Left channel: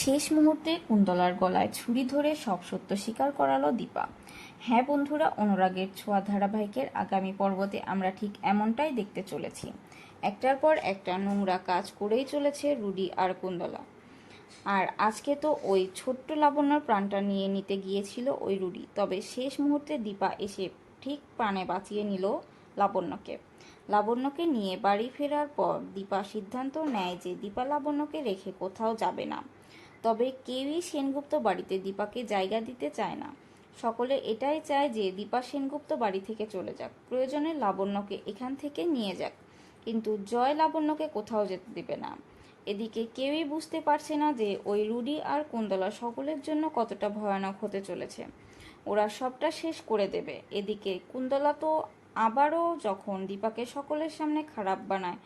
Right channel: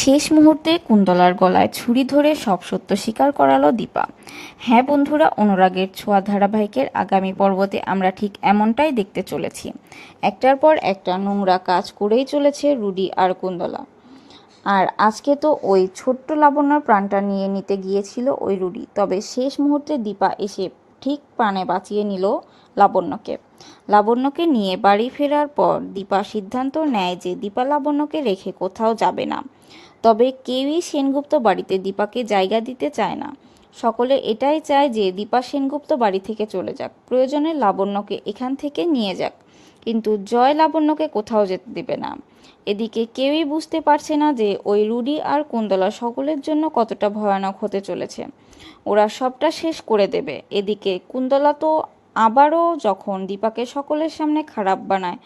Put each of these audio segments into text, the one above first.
শেষ মুহূর্তে কুন্তলার গলায় ছুরি ধরে সব সত্য স্বীকার করালো দীপা। হ্যাঁ বন্ধুরা, অনুরাগের ছোঁয়া ধারাবাহিকের আগামী পর্বতে আমরা ঠিক এমনটাই দেখতে চলেছি। একটার পর একটা নোংরা কাজ করেই চলেছে রুডি আর কুন্দলা আর আজকে তো ওই ছোট্ট লাবণ্যর প্রাণটা নিয়ে নিতে গিয়েছিল ওই রুডি। তবে শেষ মুহূর্তে দীপা এসে ঠিক প্রাণে বাঁচিয়ে নিল লাবণ্যকে। লাবণ্যকে নিয়ে বাড়ি ফেরার পর দীপা সিদ্ধান্ত নেয় যে দীপা লাবণ্যকে রেখে কোথাও যাবে না। তবে কেউই সেনগুপ্ত বাড়িতে দীপাকে জায়গা দিতে চায় না। সকলে এটাই চায় যে দীপা সেনগুপ্ত বাড়ি থেকে চলে যাক। প্রয়োজনে লাবণ্যকে এখান থেকে নিয়ে যাক। কিন্তু জয় লাবণ্যকে কোথাও যেতে দেবে না। এদিকে কেউই বুঝতে পারছে না যে ওই রুডি আর কুন্দলা সকলের জন্য কতটা ভয়ানক হতে চলেছে। ওরা সবটা শেষ করে দেবে। এদিকে কুন্দলা তো আবারও যখন দীপাকে সকলের সামনে খারাপ বানায়,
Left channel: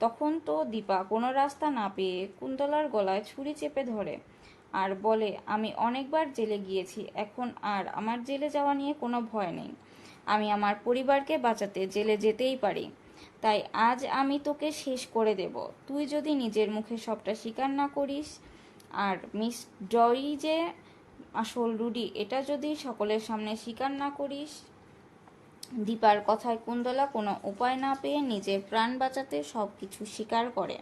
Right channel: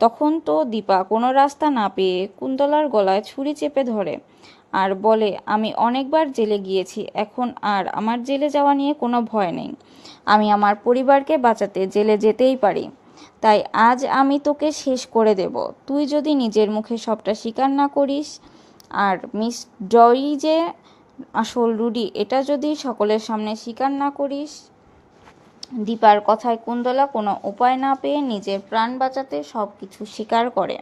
তখন তো দীপা কোনো রাস্তা না পেয়ে কুন্তলার গলায় ছুরি চেপে ধরে আর বলে, আমি অনেকবার জেলে গিয়েছি, এখন আর আমার জেলে যাওয়া নিয়ে কোনো ভয় নেই। আমি আমার পরিবারকে বাঁচাতে জেলে যেতেই পারি। তাই আজ আমি তোকে শেষ করে দেব। তুই যদি নিজের মুখে সবটা স্বীকার না করিস, আর মিস ডরি যে আসল রুডি, এটা যদি সকলের সামনে স্বীকার না করিস দীপার কথায় কুন্দলা কোনো উপায় না পেয়ে নিজের প্রাণ বাঁচাতে সব কিছু স্বীকার করে।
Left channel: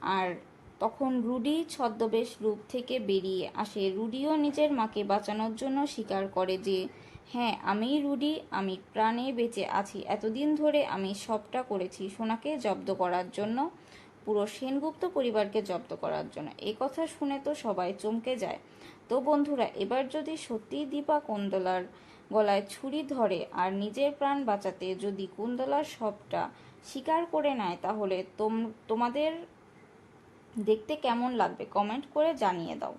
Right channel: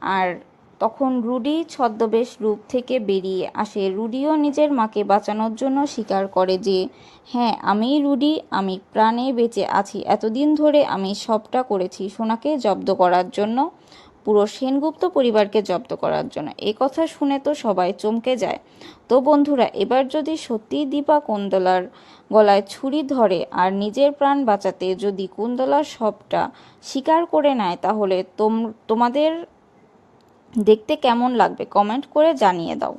আর তখন রুডি ছদ্মবেশ রূপ থেকে বেরিয়ে আসে। রুডিও নিজের মাকে বাঁচানোর জন্য স্বীকার করে যে হ্যাঁ আমি রুডি, আমি প্রাণে বেঁচে আছি। এতদিন ধরে আমি সবটা করেছি সোনাকে জব্দ করার জন্য, পুরো সেনগুপ্ত পরিবারকে জব্দ করার জন্য। এই কথা শুনে তো সবাই চমকে যায়। তো বন্ধুরা, এবার যদি সত্যিই দীপা কুন্দলার গলায় ছুরি ধরে আর নিজের প্রাণ বাঁচাতে যদি কুন্দলা সবটা স্বীকার করে নেয়, তাহলে তোম, তোমাদের দেখতে কেমন লাগবে? কমেন্ট করে জানিয়ে দাও।